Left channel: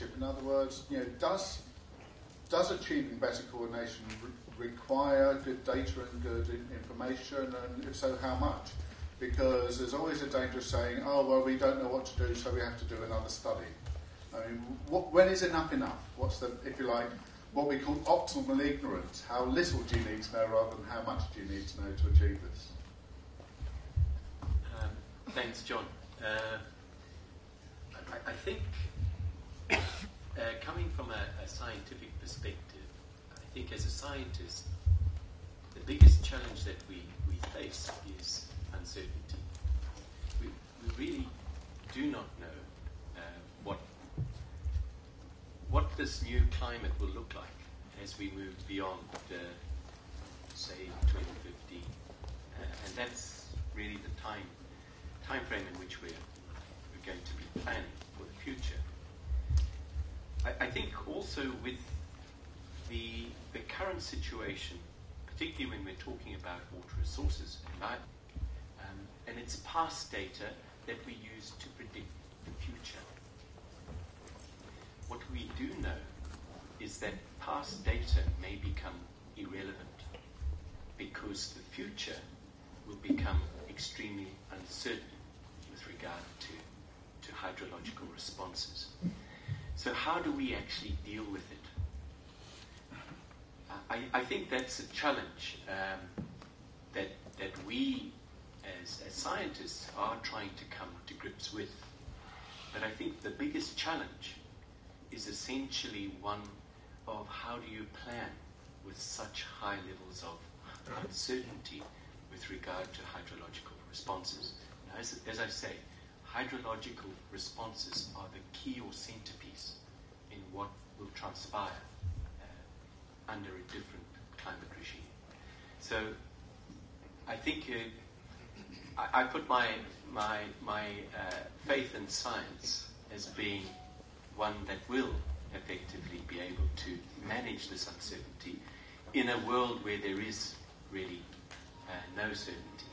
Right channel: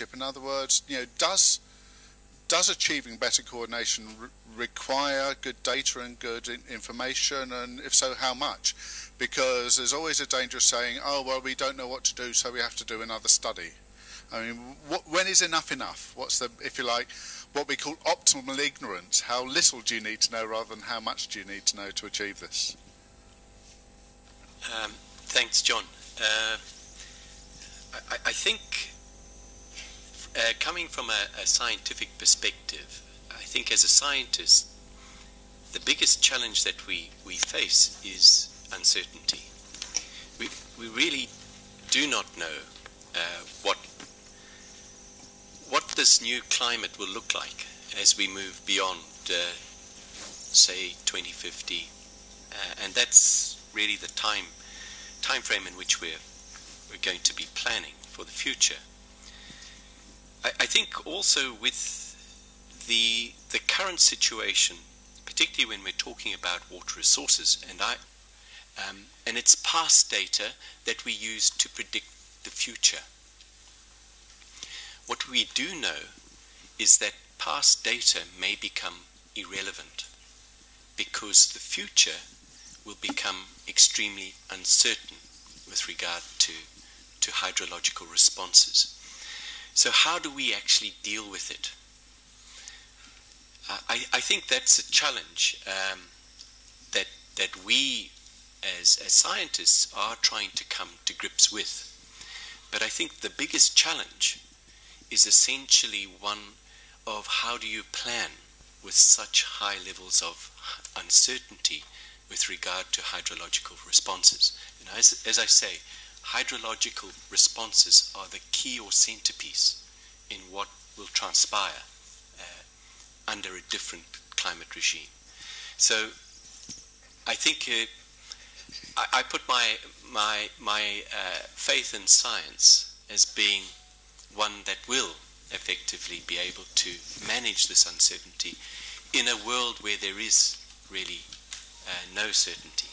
relationship? In other words, does achieving better coordination require good data and good information, and if so, how much? Because there's always a danger of saying, oh, well, we don't know what to do, so we have to do another study. I mean, when is enough enough? What's the, if you like, what we call optimal ignorance? How little do you need to know rather than how much do you need to know to achieve this? Thanks, John. I think coming from a scientific perspective, I think as a scientist, the biggest challenge that we face is uncertainty. We really do not know what this new climate will look like as we move beyond, say, 2050, and that's really the time frame in which we're going to be planning for the future. I think also with the current situation, particularly when we're talking about water resources, and it's past data that we use to predict the future. What we do know is that past data may become irrelevant because the future will become extremely uncertain with regard to hydrological responses. So how do we actually deal with it? I think that's a challenge that we as scientists are trying to come to grips with. But I think the biggest challenge is essentially one of how do you plan with such high levels of uncertainty with regard to hydrological responses. And as I say, hydrological responses are the key or centerpiece in what will transpire under a different climate regime. So I think I put my faith in science as being one that will effectively be able to manage this uncertainty in a world where there is really no certainty.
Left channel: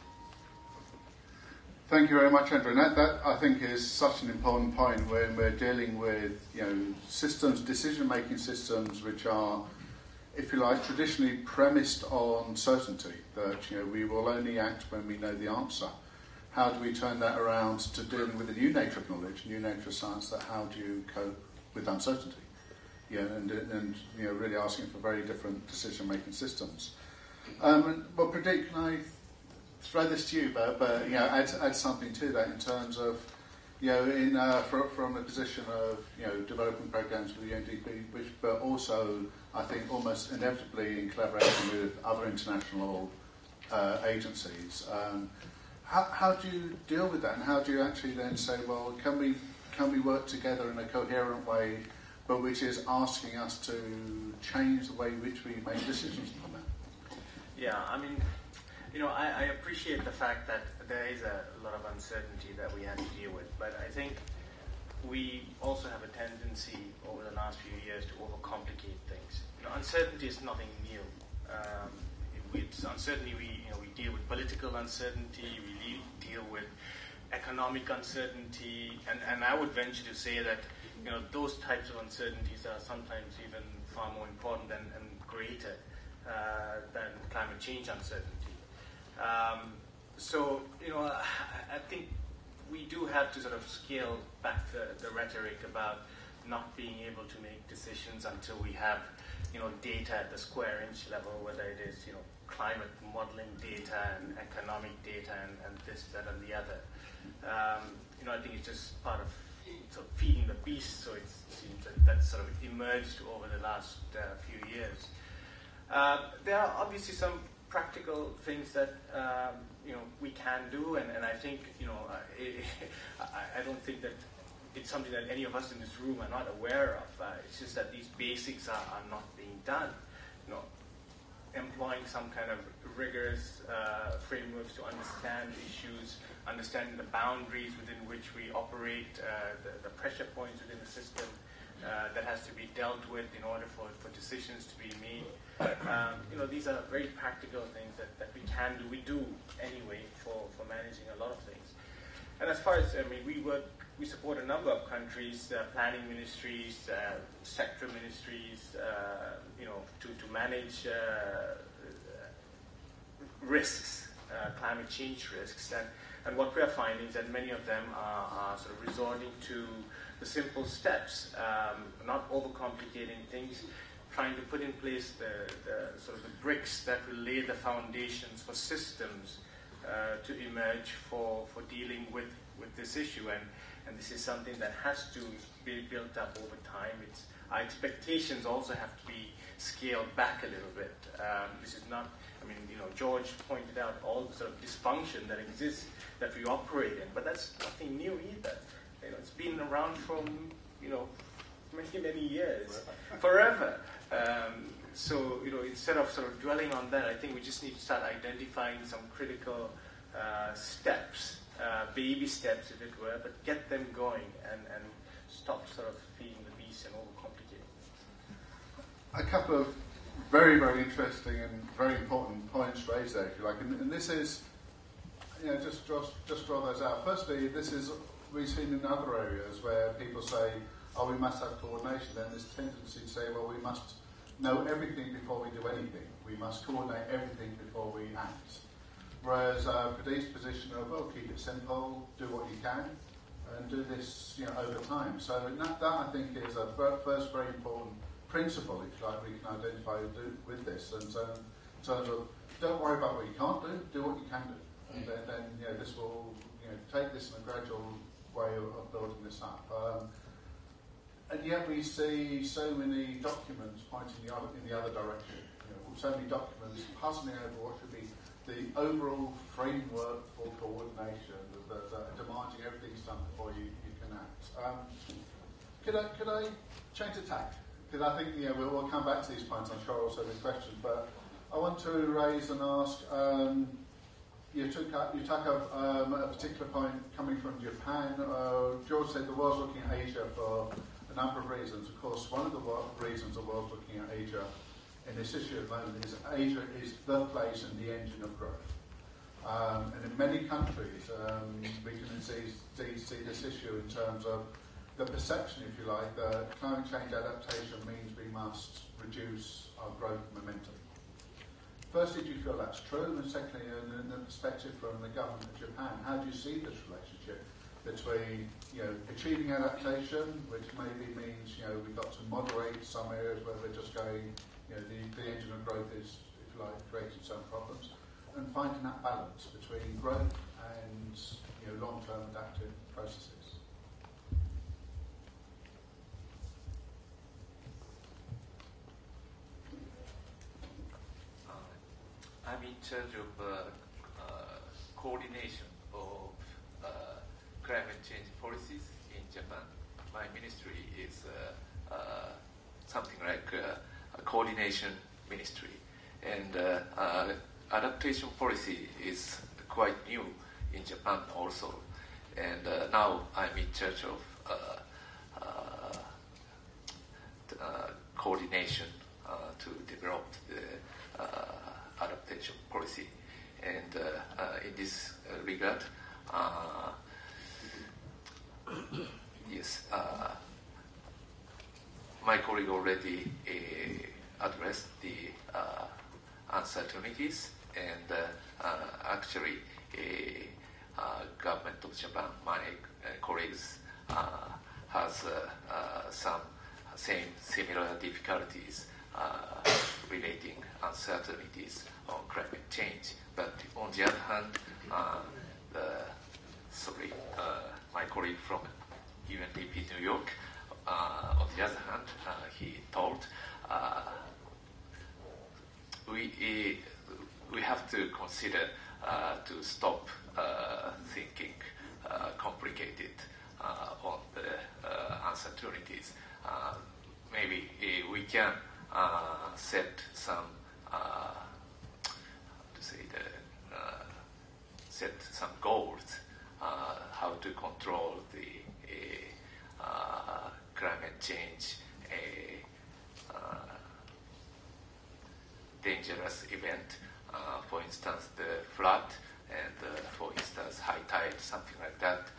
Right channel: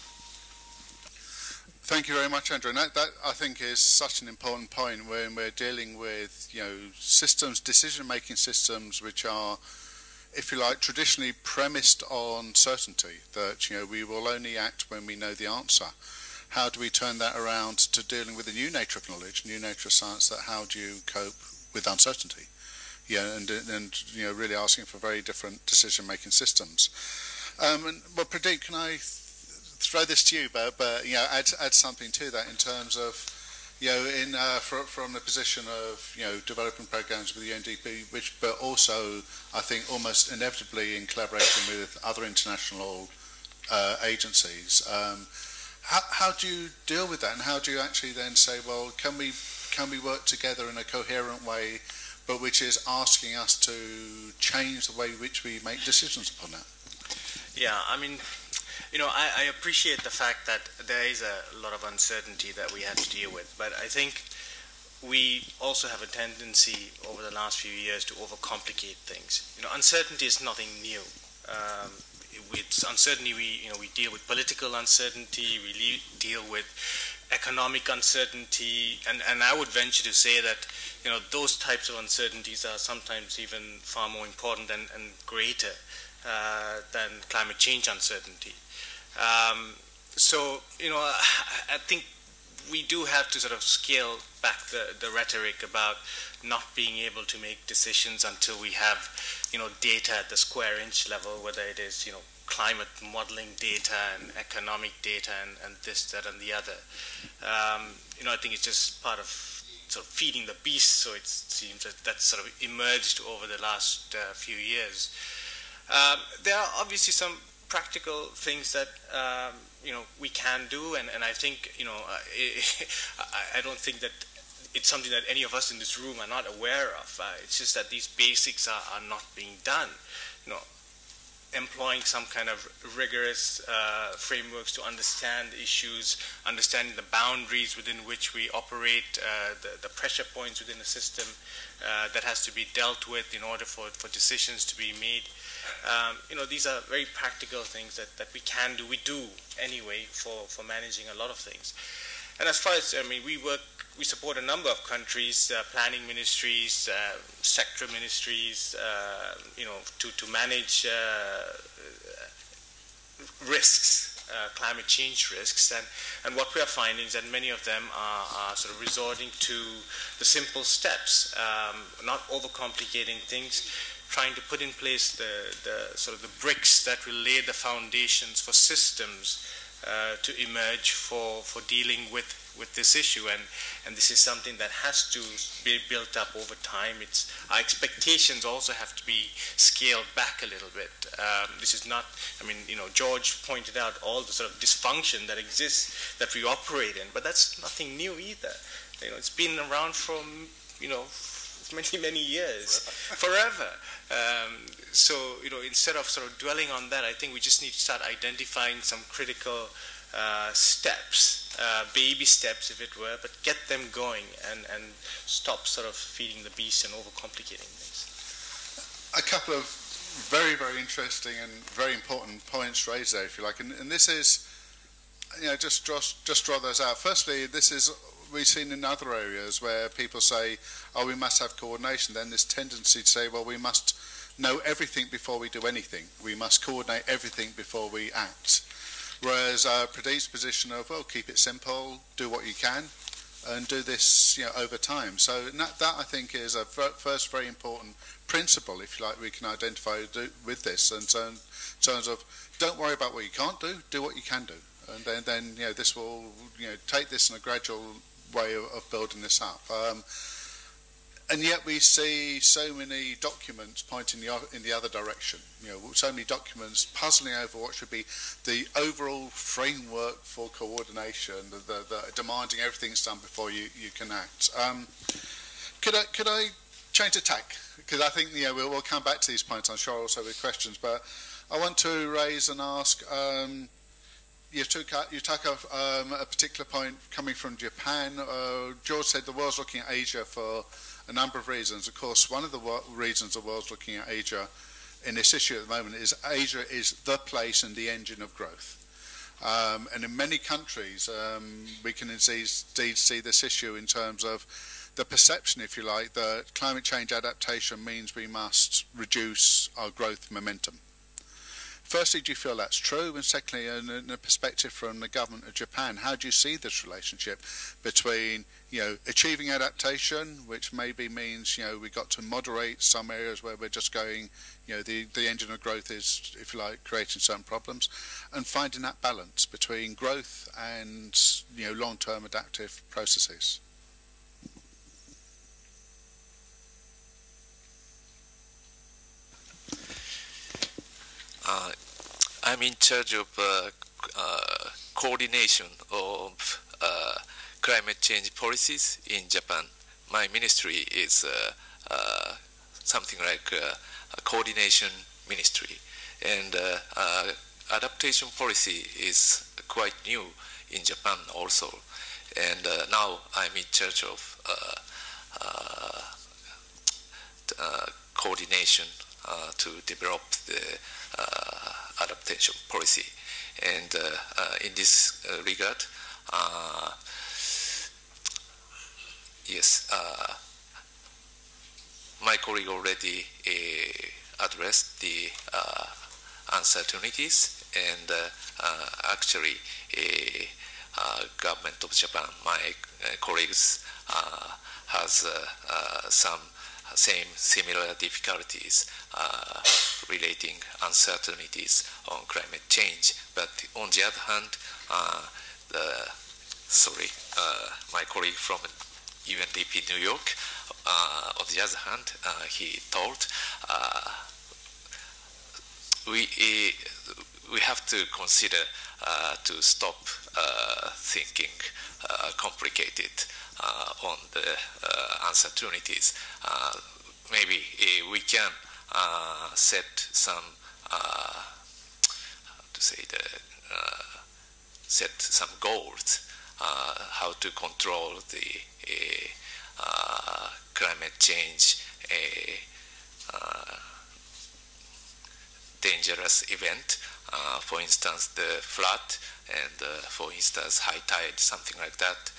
Thank you very much, Andrew. And that I think is such an important point when we're dealing with systems, decision-making systems, which are, if you like, traditionally premised on certainty, that we will only act when we know the answer. How do we turn that around to dealing with the new nature of knowledge, new nature of science? That how do you cope with uncertainty? And really asking for very different decision-making systems. Well, Pradeep, can I throw this to you, but add something to that in terms of, from the position of developing programs with the UNDP, but also I think almost inevitably in collaboration with other international agencies. How do you deal with that, and how do you actually then say, well, can we work together in a coherent way, but which is asking us to change the way in which we make decisions upon that? Yeah, I mean, I appreciate the fact that there is a lot of uncertainty that we have to deal with, but I think we also have a tendency over the last few years to overcomplicate things. Uncertainty is nothing new. With uncertainty, we deal with political uncertainty, we deal with economic uncertainty, and I would venture to say that those types of uncertainties are sometimes even far more important and greater than climate change uncertainty. So I think we do have to sort of scale back the rhetoric about not being able to make decisions until we have data at the square inch level, whether it is climate modeling data and economic data and this, that, and the other. I think it's just part of sort of feeding the beast, so it seems that that's sort of emerged over the last few years. There are obviously some practical things that we can do, and I think I don't think that it's something that any of us in this room are not aware of. It's just that these basics are not being done. Employing some kind of rigorous frameworks to understand issues, understanding the boundaries within which we operate, the pressure points within the system that has to be dealt with in order for decisions to be made. These are very practical things that we can do. We do anyway for managing a lot of things. And as far as, I mean, we support a number of countries, planning ministries, sector ministries, to manage risks, climate change risks. And what we are finding is that many of them are sort of resorting to the simple steps, not overcomplicating things, trying to put in place the sort of the bricks that will lay the foundations for systems to emerge for dealing with this issue, and this is something that has to be built up over time. Our expectations also have to be scaled back a little bit. This is not, I mean, George pointed out all the sort of dysfunction that exists that we operate in, but that's nothing new either. It's been around from, many years, forever. So, instead of sort of dwelling on that, I think we just need to start identifying some critical steps, baby steps, if it were, but get them going and stop sort of feeding the beast and overcomplicating things. A couple of very, very interesting and very important points raised there, if you like, and this is, just draw those out. Firstly, this is, we've seen in other areas where people say, oh, we must have coordination. Then there's tendency to say, well, we must know everything before we do anything. We must coordinate everything before we act. Whereas Pradeep's position of, well, keep it simple, do what you can, and do this over time. So that I think is a first very important principle, if you like, we can identify with this. And so in terms of, don't worry about what you can't do what you can do. And then this will, take this in a gradual way of building this up. And yet we see so many documents pointing in the other direction. So many documents puzzling over what should be the overall framework for coordination, the demanding everything's done before you can act. Could I change the tack? Because I think we'll come back to these points. I'm sure I'll also have questions, but I want to raise and ask. You took up a particular point coming from Japan. George said the world's looking at Asia for a number of reasons. Of course, one of the reasons the world's looking at Asia in this issue at the moment is Asia is the place and the engine of growth. And in many countries, we can indeed see this issue in terms of the perception, if you like, that climate change adaptation means we must reduce our growth momentum. Firstly, do you feel that's true? And secondly, in a perspective from the government of Japan, how do you see this relationship between, achieving adaptation, which maybe means, we've got to moderate some areas where we're just going, the engine of growth is, if you like, creating some problems, and finding that balance between growth and, long-term adaptive processes? I'm in charge of coordination of climate change policies in Japan. My ministry is something like a coordination ministry, and adaptation policy is quite new in Japan also. And now I'm in charge of coordination to develop the adaptation policy. And in this regard, yes, my colleague already addressed the uncertainties, and actually government of Japan, my colleagues has some similar difficulties relating uncertainties on climate change. But on the other hand, my colleague from UNDP New York, on the other hand, he told we have to consider to stop thinking complicated on the uncertainties. Maybe we can set some set some goals how to control the climate change dangerous event for instance, the flood and, for instance, high tide, something like that.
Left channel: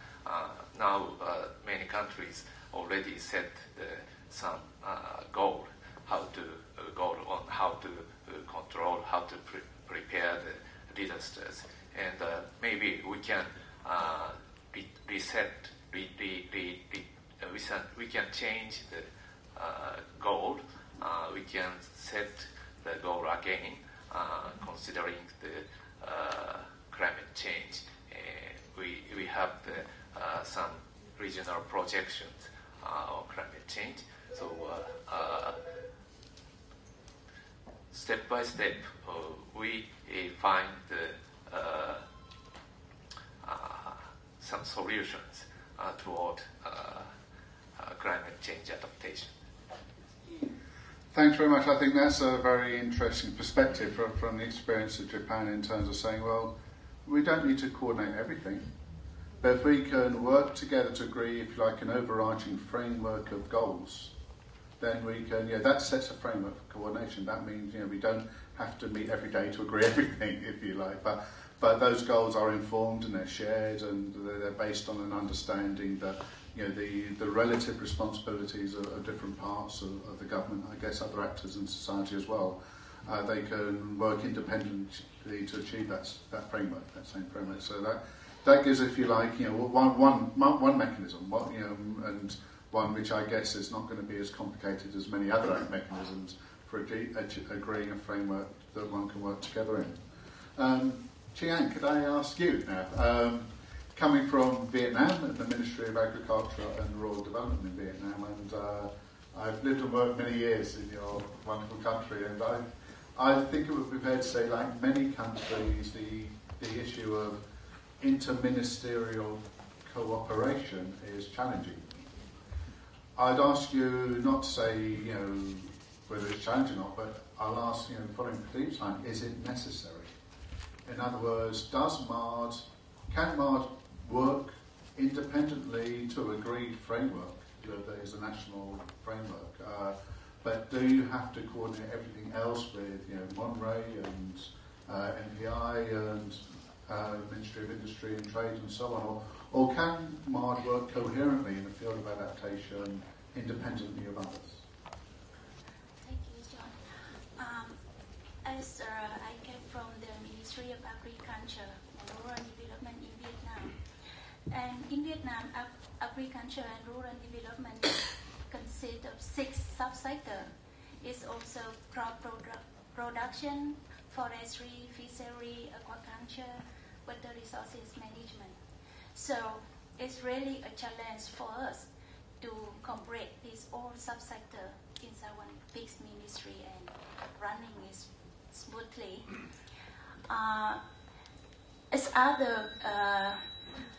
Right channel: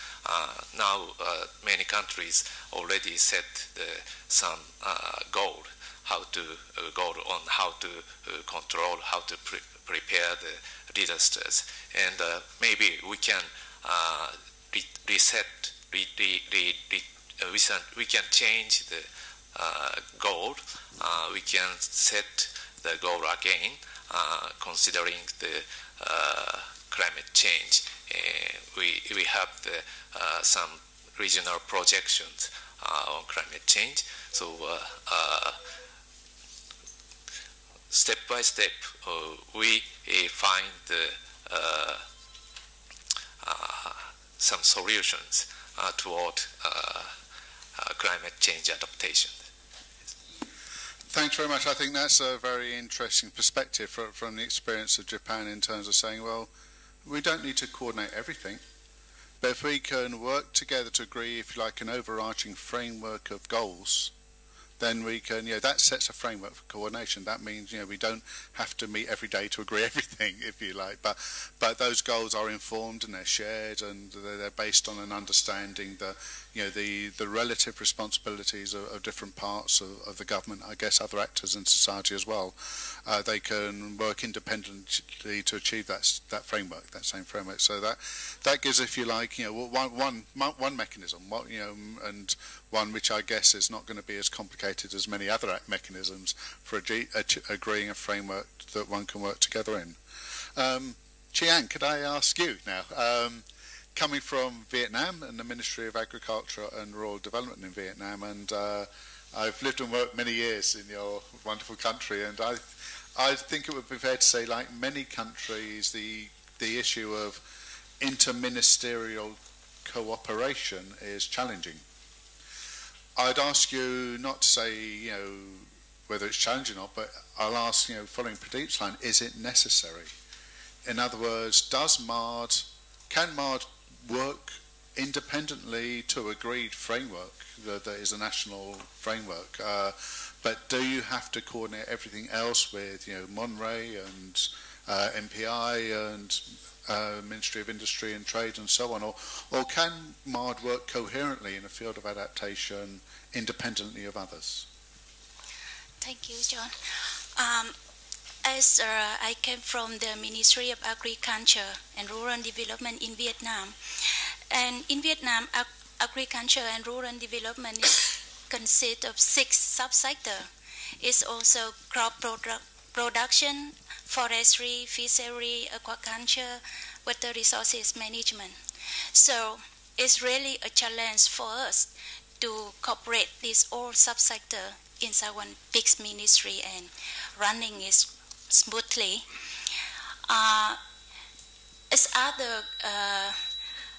Now, many countries already set some goal on how to control, how to prepare the disasters, and maybe we can we can change the goal. We can set the goal again, considering the climate change. We have some regional projections on climate change. So step by step, we find some solutions toward climate change adaptation. Thanks very much. I think that's a very interesting perspective from the experience of Japan in terms of saying, well, we don't need to coordinate everything, but if we can work together to agree, if you like, an overarching framework of goals, then we can, that sets a framework for coordination. That means, we don't have to meet every day to agree everything, if you like, but those goals are informed and they're shared and they're based on an understanding that, the relative responsibilities of different parts of the government, I guess other actors in society as well. They can work independently to achieve that framework, that same framework. So that gives, if you like, one mechanism, and one which I guess is not going to be as complicated as many other mechanisms for agreeing a framework that one can work together in. Chiang, could I ask you now? Coming from Vietnam and the Ministry of Agriculture and Rural Development in Vietnam, and I've lived and worked many years in your wonderful country, and I think it would be fair to say, like many countries, the issue of interministerial cooperation is challenging. I'd ask you not to say, whether it's challenging or not, but I'll ask, following Pradeep's line, is it necessary? In other words, can MARD work independently to agreed framework that is a national framework? But do you have to coordinate everything else with, Monterey and MPI and Ministry of Industry and Trade and so on, or can MARD work coherently in the field of adaptation independently of others? Thank you, John. As I came from the Ministry of Agriculture and Rural Development in Vietnam, and in Vietnam, agriculture and rural development consists of 6 subsectors. It's also crop production, forestry, fishery, aquaculture, water resources management. So it's really a challenge for us to cooperate these all subsectors inside one big ministry and running it smoothly. As other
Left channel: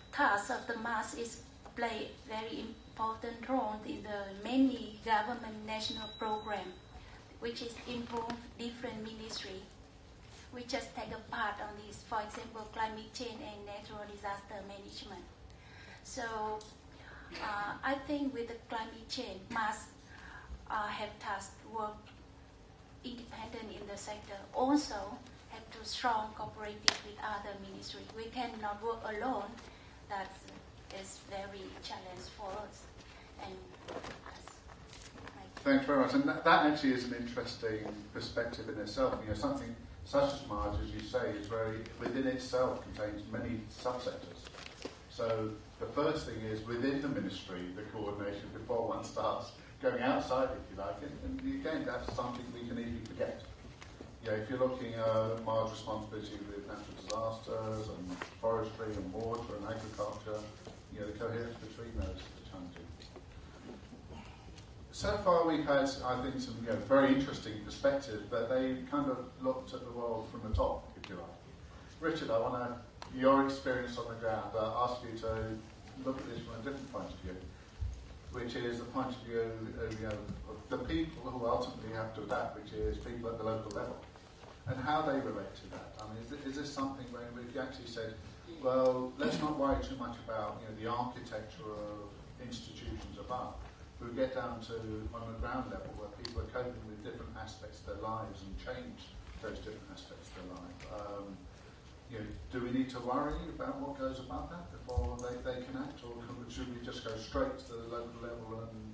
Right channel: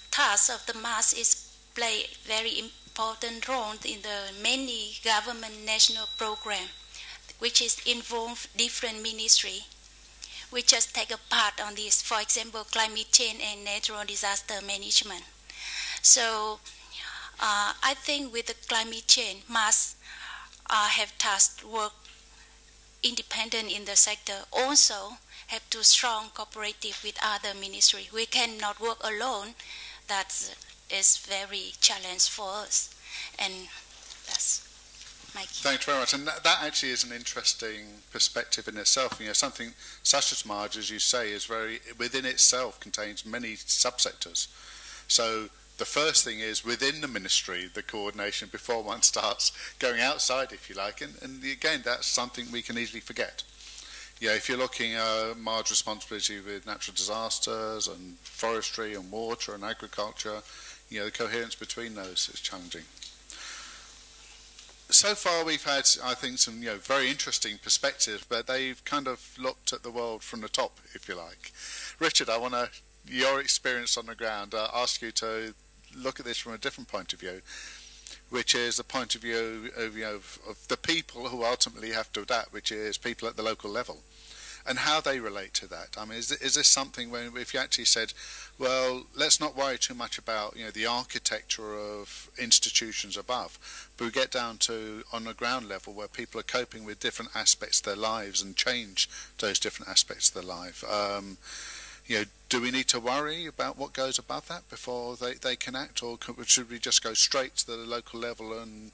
tasks of the MAS is play very important role in the many government national program, which is involve different ministry. We just take a part on this, for example, climate change and natural disaster management. So I think with the climate change, MAS have tasked work independent in the sector, also have to strong cooperative with other ministry. We cannot work alone. That is very challenge for us, and that's my key. Thanks very much. And that actually is an interesting perspective in itself. Something such as MARD, as you say, is within itself contains many subsectors. So the first thing is within the ministry, the coordination before one starts going outside, if you like. And again, that's something we can easily forget. If you're looking at MARD's responsibility with natural disasters and forestry and water and agriculture, the coherence between those is challenging. So far we've had, I think, some very interesting perspectives, but they've kind of looked at the world from the top, if you like. Richard, I want your experience on the ground, ask you to look at this from a different point of view, which is the point of view of the people who ultimately have to adapt, which is people at the local level. and how they relate to that. I mean, is this something where if you actually said, well, let's not worry too much about the architecture of institutions above, but we get down to on the ground level where people are coping with different aspects of their lives and change those different aspects of their life. Do we need to worry about what goes above that before they can act, or should we just go straight to the local level and